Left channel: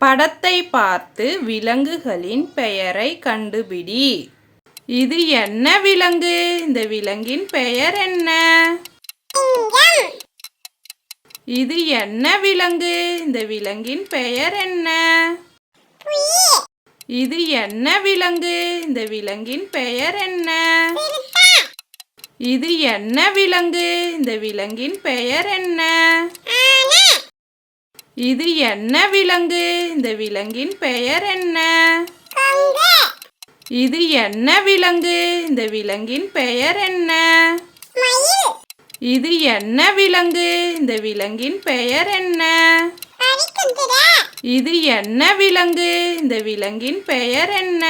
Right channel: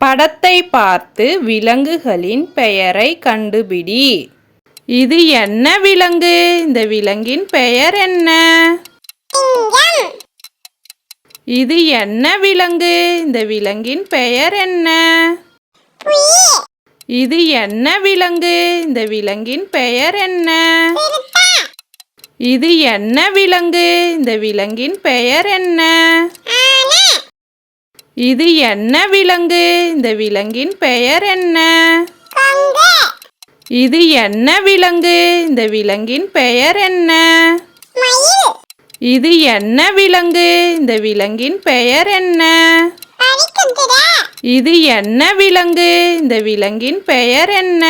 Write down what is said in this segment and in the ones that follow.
படத்தை பார்த்து விலங்குகளின் பெயரை கண்டுபிடி. இது என்ன விலங்கு? இந்த விலங்கின் பெயர் என்ன? இது என்ன விலங்கு? இந்த விலங்கின் பெயர் என்ன? இது என்ன விலங்கு? இந்த விலங்கின் பெயர் என்ன? இது என்ன விலங்கு? இந்த விலங்கின் பெயர் என்ன? இது என்ன விலங்கு? இந்த விலங்கின் பெயர் என்ன? இது என்ன விலங்கு? இந்த விலங்கின் பெயர் என்ன? இது என்ன விலங்கு? இந்த விலங்கின் பெயர் என்ன? இது என்ன விலங்கு? இந்த விலங்கின் பெயர் என்ன?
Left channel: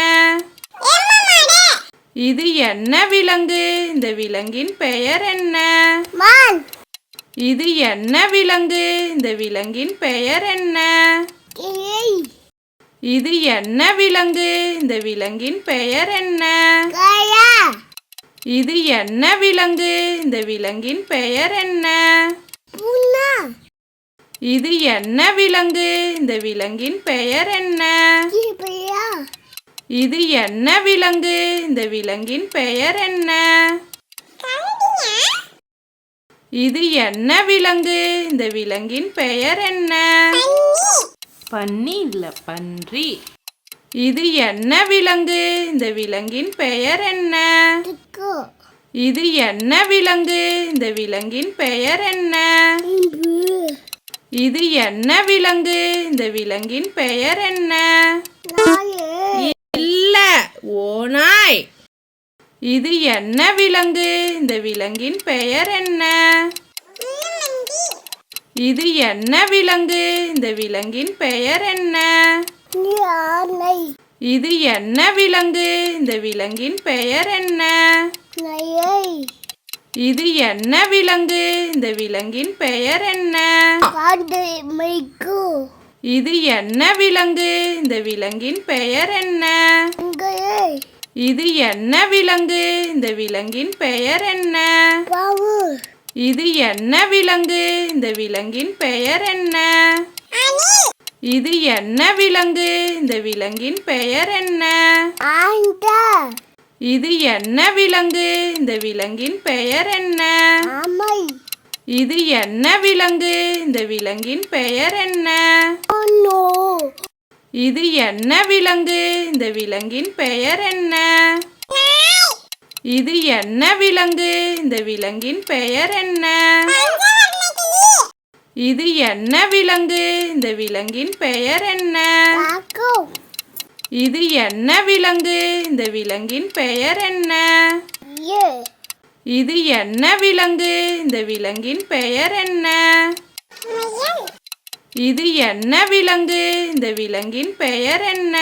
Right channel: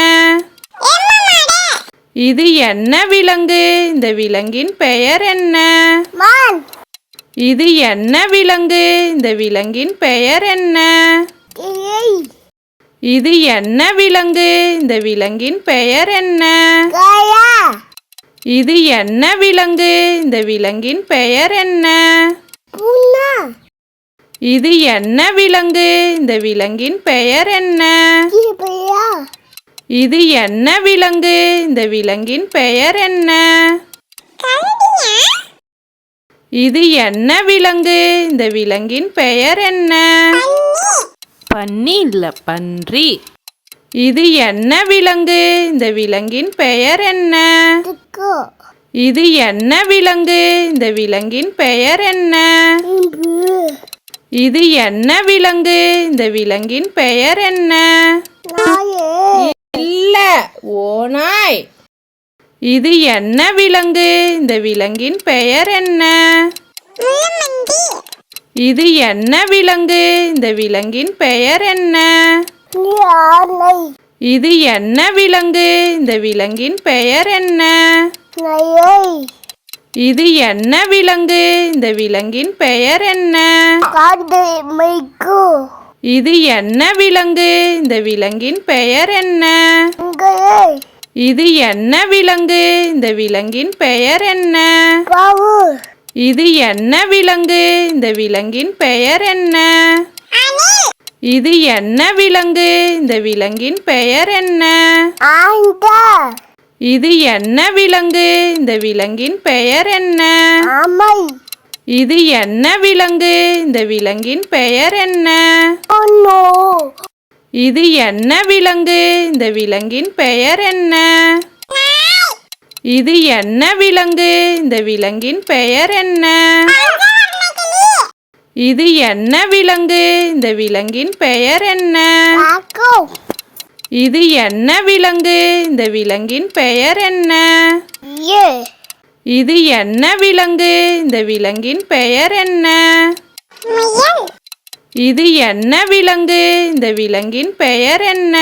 இது என்ன விலங்கு? இந்த விலங்கின் பெயர் என்ன? இது என்ன விலங்கு? இந்த விலங்கின் பெயர் என்ன? இது என்ன விலங்கு? இந்த விலங்கின் பெயர் என்ன? இது என்ன விலங்கு? இந்த விலங்கின் பெயர் என்ன? இது என்ன விலங்கு? இந்த விலங்கின் பெயர் என்ன? இது என்ன விலங்கு? இந்த விலங்கின் பெயர் என்ன? இது என்ன விலங்கு? இந்த விலங்கின் பெயர் என்ன? பன்னி பன்னி இல்ல பன்றி. இது என்ன விலங்கு? இந்த விலங்கின் பெயர் என்ன? இது என்ன விலங்கு? இந்த விலங்கின் பெயர் என்ன? இது என்ன விலங்கு? இந்த விலங்கின் பெயர் என்ன? இல்ல ஓநாய். இது என்ன விலங்கு? இந்த விலங்கின் பெயர் என்ன? இது என்ன விலங்கு? இந்த விலங்கின் பெயர் என்ன? இது என்ன விலங்கு? இந்த விலங்கின் பெயர் என்ன? இது என்ன விலங்கு? இந்த விலங்கின் பெயர் என்ன? இது என்ன விலங்கு? இந்த விலங்கின் பெயர் என்ன? இது என்ன விலங்கு? இந்த விலங்கின் பெயர் என்ன? இது என்ன விலங்கு? இந்த விலங்கின் பெயர் என்ன? இது என்ன விலங்கு? இந்த விலங்கின் பெயர் என்ன? இது என்ன விலங்கு? இந்த விலங்கின் பெயர் என்ன? இது என்ன விலங்கு? இந்த விலங்கின் பெயர் என்ன? இது என்ன விலங்கு? இந்த விலங்கின் பெயர் என்ன? இது என்ன விலங்கு? இந்த விலங்கின் பெயர் என்ன? இது என்ன விலங்கு? இந்த விலங்கின் பெயர் என்ன? இது என்ன விலங்கு? இந்த விலங்கின் பெயர் என்ன? இது என்ன விலங்கு? இந்த விலங்கின் பெயர் என்ன? இது என்ன விலங்கு? இந்த விலங்கின் பெயர் என்ன?